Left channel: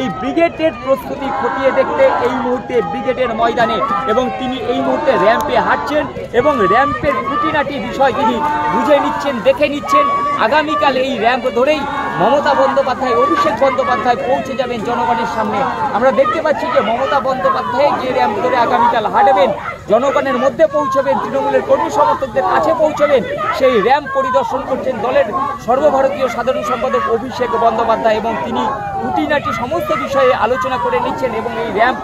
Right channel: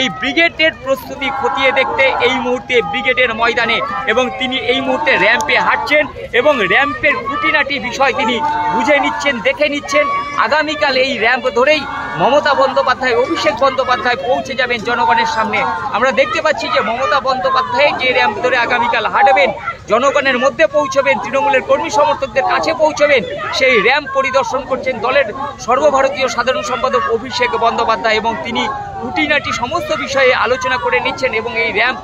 এই ব্রিগেডের প্রস্তুতি খতিয়ে দেখতে এই মুহূর্তে ব্রিগেডের ময়দানে, এবং তিনি এই মুহূর্তে র্যাম্পে হাঁটছেন এবং র্যাম্পের খুঁটিনাটি বিষয় তিনি বুঝে নিচ্ছেন, দেখে নিচ্ছেন। আগামীকাল এই র্যাম্প ধরেই মমতা বন্দ্যোপাধ্যায়, অভিষেক বন্দ্যোপাধ্যায় পৌঁছে যাবেন জনগণের সামনে। আমরা দেখতে পাচ্ছি যে মমতা বন্দ্যোপাধ্যায় যে র্যাম্প ধরে আগামীকাল হাঁটবেন, জনগণের মধ্যে পৌঁছবেন, তৃণমূলের কর্মী সমর্থকদের কাছে পৌঁছবেন, সেই র্যাম্প পরিদর্শন করছেন দলের সর্বভারতীয় সাধারণ সম্পাদক অভিষেক বন্দ্যোপাধ্যায়, এবং তিনি খুঁটিনাটি সমস্ত বিষয়ে আলোচনা করে নিচ্ছেন। এবং এই র্যাম্প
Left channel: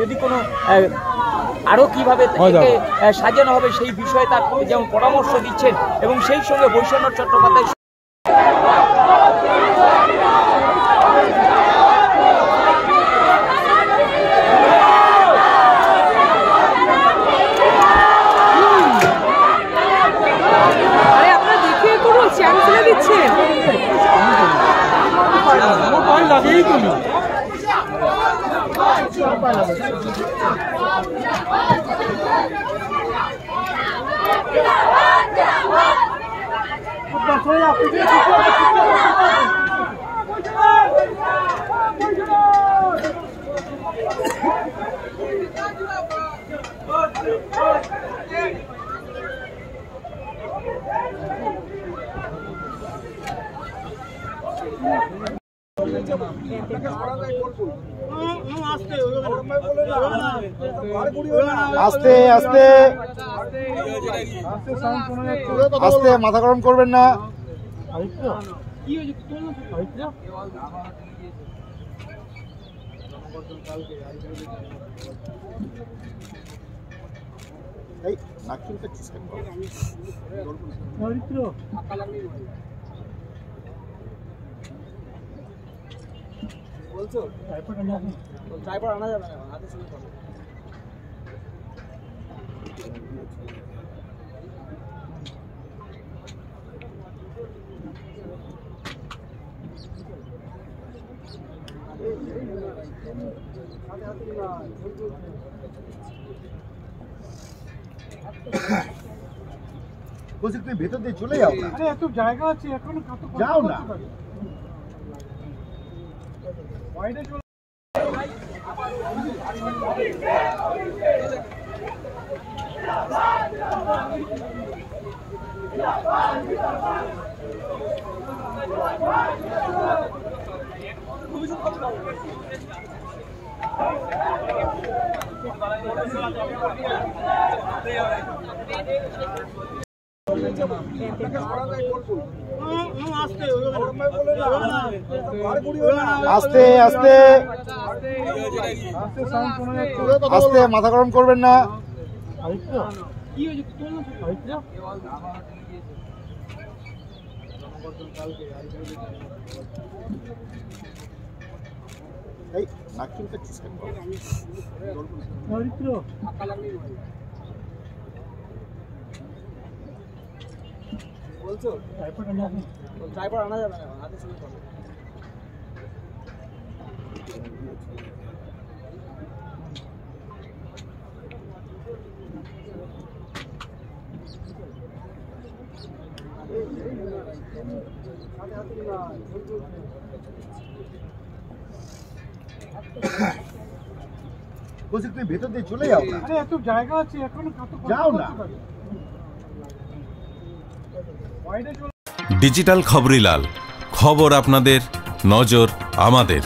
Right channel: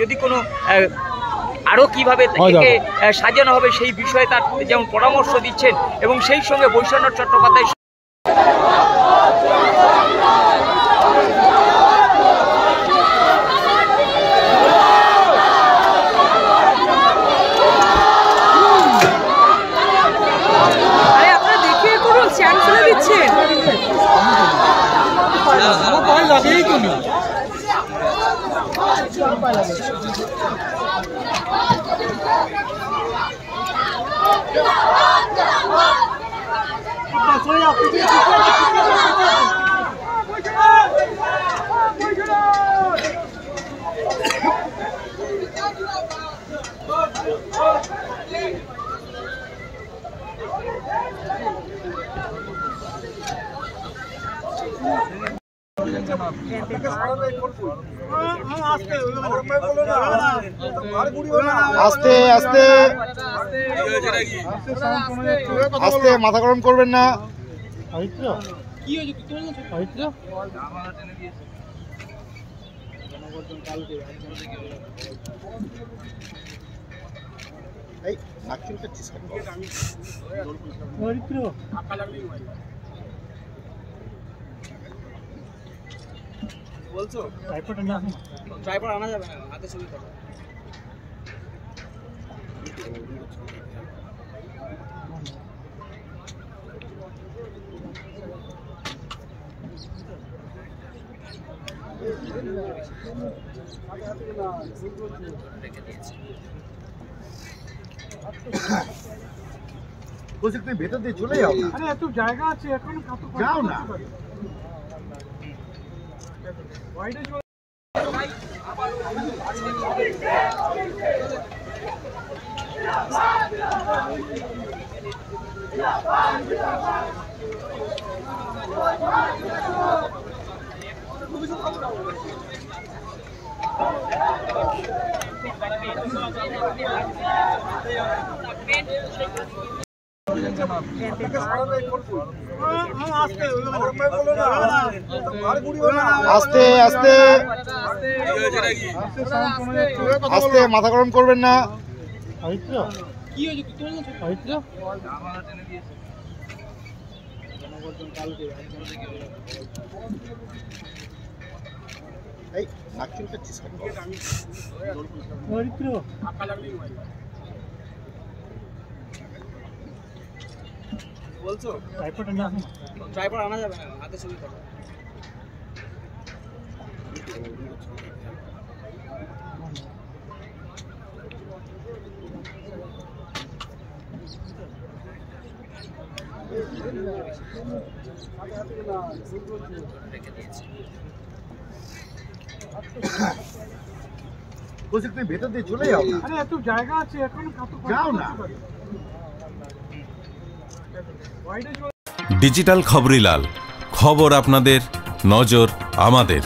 যদি কোনো আরও কীভাবে একে সাজানো হবে সেই বিষয়ে তার যেমন পরামর্শ দিচ্ছেন, এবং সেই সঙ্গে বৈষ্ণব চট্টোপাধ্যায় আস্তে আস্তে আস্তে, মাথা গরম করবেন না। বলছো ট্রাইপড আনা যাবে না, হাতে ছবি থাকবে। বলছি তুমি ভেতর দিয়ে চলে যাও। আরে এত জায়গা আছে, এখন যাও না। আস্তে আস্তে আস্তে, মাথা গরম করবেন না। বলছো ট্রাইপড আনা যাবে না, হাতে ছবি থাকবে। বলছি তুমি ভেতর দিয়ে চলে যাও। আরে এত জায়গা আছে, এখন যাও না। ডিজিটাল খবরিলাল, খবর আপনাদের, নজর আমাদের।